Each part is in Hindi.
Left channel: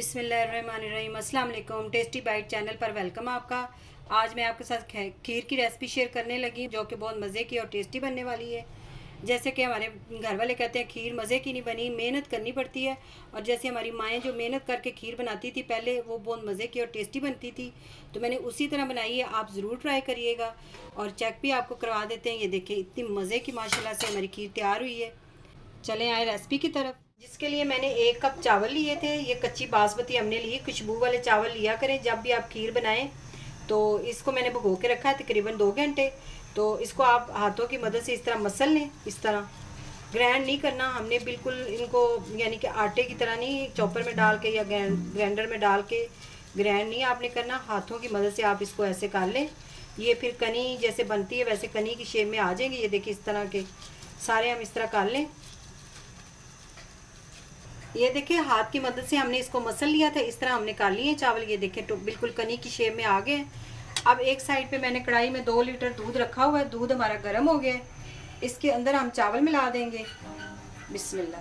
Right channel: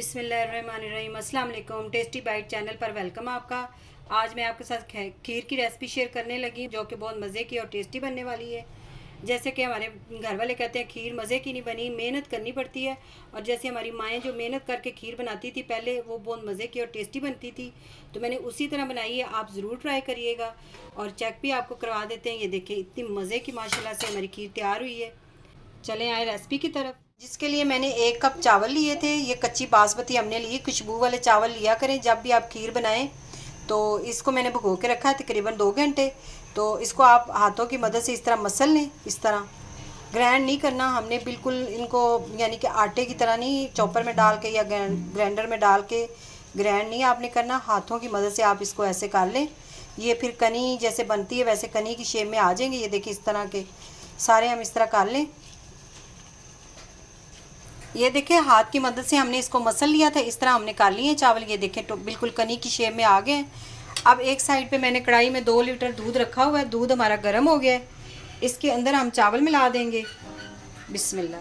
बिस्मिल्लाहिर्रहमानिर्रहीम। अस्सलाम वालेकुम। टेस्टी बाइट चैनल पर वेलकम आपका। आज मैं आपके साथ खीर की रेसिपी शेयर करने लगी जो कि बहुत मज़े की और टेस्टी बनने वाली है। जैसे कि हमारे घर वाले कहते हैं खीर मज़े की नहीं बनी, मेहनत करनी पड़ती है। और जैसे हमारी माएँ जो मेहनत करके खीर बनाती थी पहले, वो बहुत मज़े की और टेस्टी बनती थी। तो मैंने उसी तरह बनाई है, आप ज़रूर ट्राई करिएगा। और चेक भी आपको करवा देते हैं। ये देखें इतनी मज़े की माशाल्लाह से हमारी खीर तैयार हुई है। चलें आए रेसिपी की तरफ। जिसके लिए मैंने 1 कप चावल लिए थे। ये कच्ची बासमती हमने ली। खुशबू वाले चावल लिया करें जब भी आप खीर बनाएं। तो इसको मैंने भिगो के रखा है तकरीबन 2 घंटे। तो इसको आप हाथों की मदद से इस तरह मसल लें। इस तरह ग्राइंड नहीं करना हमने बिल्कुल इनको, यानी कि आटे की तरह नहीं चॉपर में डाल के या ग्राइंडर में डाल के ग्राइंड नहीं आपने करना। हाथों की मदद से आप इसको ऐसे कर लें। ये फिर कनी जैसे बनती है वैसे कनी की शेप में आ जाएंगे। ये देखिए इस तरह के सारे हम इस तरह कर लें। ये देखिए हाथ की मदद से हमने इसको मसल लिया था। इस तरह हमने कर लिए चावल। ये देखें तो बिल्कुल कनी की शेप में आ गए हैं। अब एक साइड पे मैंने कढ़ाई में 2 लीटर दूध रखा हुआ है। दूध हमारा गर्म हो गया है। इसके अंदर हम चावल मिला देंगे। बिस्मिल्लाह।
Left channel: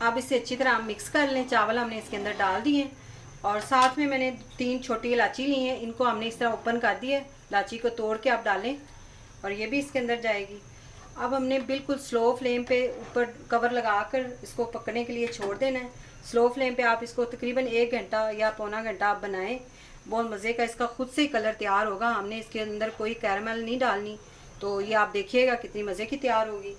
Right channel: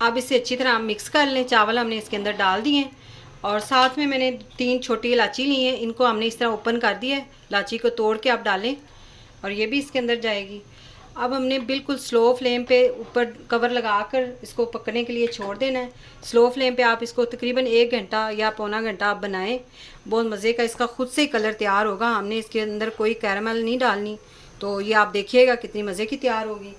अब इसे अच्छी तरह हम मिक्स कर लें। चावल हमने इसके अंदर डाल दिए और साथ में मैंने 3 छोटी इलायची ली है। इनको हमने इस तरह ओपन कर दिया है। इलायची को तोड़ के आप डालें और ये भी इसके अंदर जाएगी। अब हमने बिल्कुल स्लो फ्लेम पे ऊपर कवर लगाकर इसको पकने के लिए छोड़ देना है। स्लो फ्लेम पे आप इसको तकरीबन 1 घंटा या पौना घंटा आप बनाएं। बहुत मज़े का इसका खुद से ही कलर तैयार होगा। हमने इसके अंदर कोई कैरामल नहीं डालनी। तो ये आप देखिएगा कितनी मज़े की तैयार होगी।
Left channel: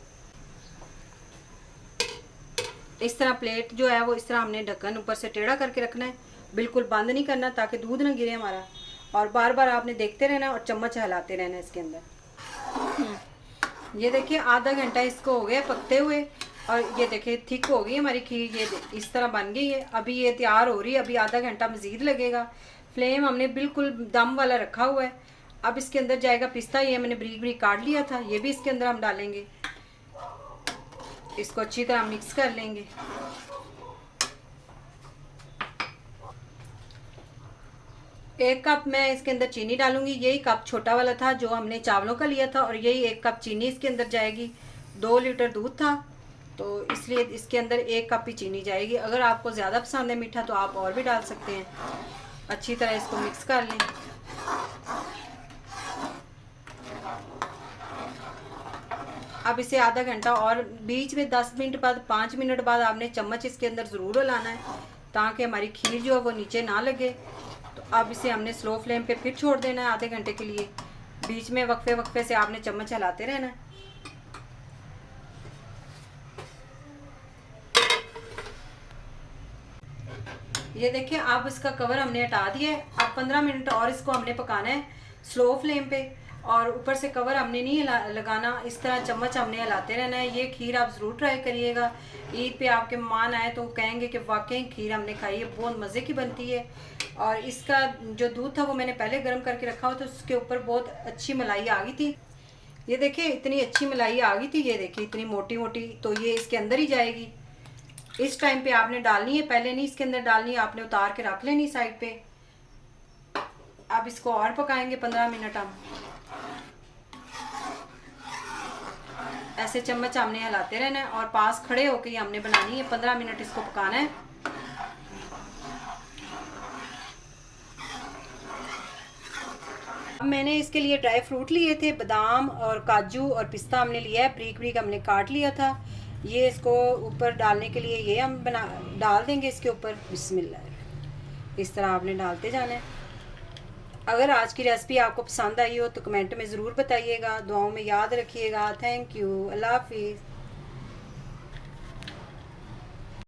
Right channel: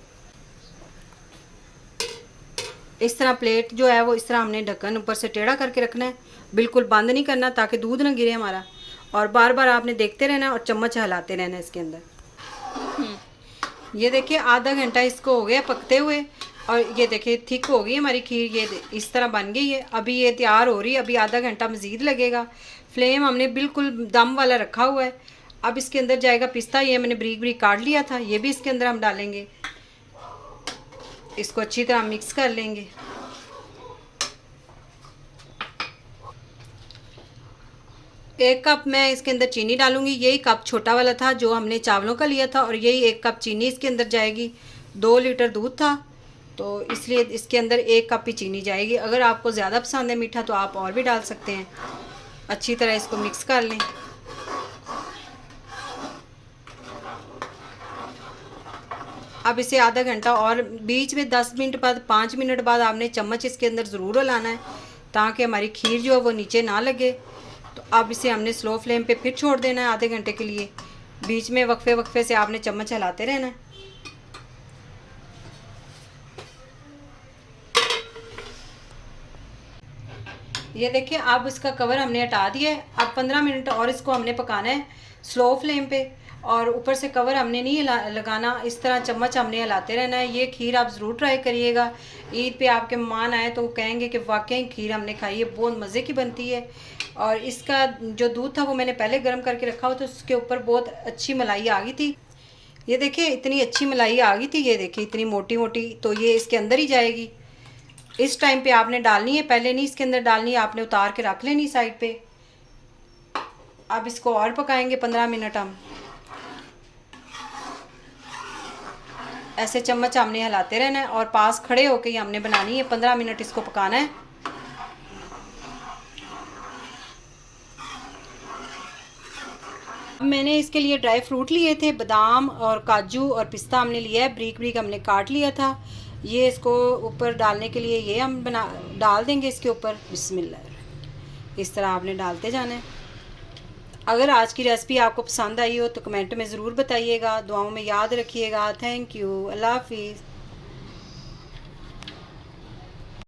इस तरह प्लेट जो है वो इस तरह हमने ढक्कन ऊपर से टेढ़ा करके रखना है। बिल्कुल बंद नहीं करना ताकि दूध ना गिरे हमारा। और बार बार आपने देखते रहना और चम्मच हिलाते रहना इसके अंदर। ये देखिए आधा घंटा इसको हो गया पकते हुए और ये देखिए थिक हो गई हमारी खीर। ये इस तरह बन गई है। अभी ये तैयार हो रही है। अभी आधा घंटा मज़ीद लगेगा। फ्लेम हमने बिल्कुल दम वाला रखा हुआ है। अब इसके अंदर जाएगा पिस्ता। ये मैंने बारीक बारीक काट लिया था। ये भी इसके अंदर हम डालेंगे। इसको अच्छी तरह मिक्स कर लेंगे। एक कप मैं इसके अंदर चीनी डालूंगी। यही कप छोटा वाला था जो हमने चावलों का लिया था और यही 1 कप चीनी इसके अंदर जाएगी। 2 लीटर दूध था तो इसलिए इसके अंदर 1 कप ही चीनी जाएगी। अगर आपको ज़्यादा पसंद है मीठा तो आप और भी डाल सकते हैं। अच्छी तरह इसको मिक्स कर लें। अब इसे आधा घंटा और बीच में 10 मिनट बाद 5 मिनट बाद आपने चम्मच इसके अंदर ज़रूर हिलाना है ताकि हमारी खीर जो है वो नीचे ना लगे। तो अब इसे हमने स्लो फ्लेम पे फिर छोड़ देना है आधे घंटे के लिए। बीच में वक्फे वक्फे से आपने चम्मच हिलाते रहना है। ये देखिए अब इसका कवर हमने हटा दिया है। अब 15 मिनट और इसको हमने पकाना है स्लो फ्लेम पे। और ऊपर से कवर हमने नहीं लगाना। इस तरह चम्मच हमने हिलाते रहना है। ये खीर आप ज़रूर ट्राई करिएगा। ईद पे आपके मेहमान आए तो कहेंगे कि वाकई खीर हमने खाई है, बहुत मज़े की बनती है। और इसका जो दूध था वो मैंने पहले गर्म करके रखा हुआ था। उसके ऊपर बहुत अच्छी मलाई आ गई थी। ये देखिए इतनी अच्छी मलाई आ गई थी। ये देखिए इतनी मोटी मोटी। तो ये इसके अंदर ही जाएगी। इस टाइम पे आपने डालनी है, पहले नहीं इसके अंदर डालनी है। आपने उतार के रख लेनी साइड पे। अब इसको और पकाएंगे 15 मिनट हम। ऐसे चम्मच हमने हिलाते रहना है और पास खड़े होके ही हमने बनानी है। 15 मिनट इसको पकाना है। अब मैंने इसके लिए ड्राई फ्रूट लिए थे, बादाम और काजू और पिस्ता हमने लिया है। ब्रीक ब्रीक हमने काट लिया था। ये इसको ऊपर डालने के लिए ये हम डाल देंगे इसके ऊपर। बिस्मिल्लाह। इस तरह आपने डालते जाना है। अगर आज की रेसिपी आपको पसंद आई हो तो कमेंट में ज़रूर बताइएगा। दुआओं में याद रखिएगा। Thank you. अल्लाह हाफिज़।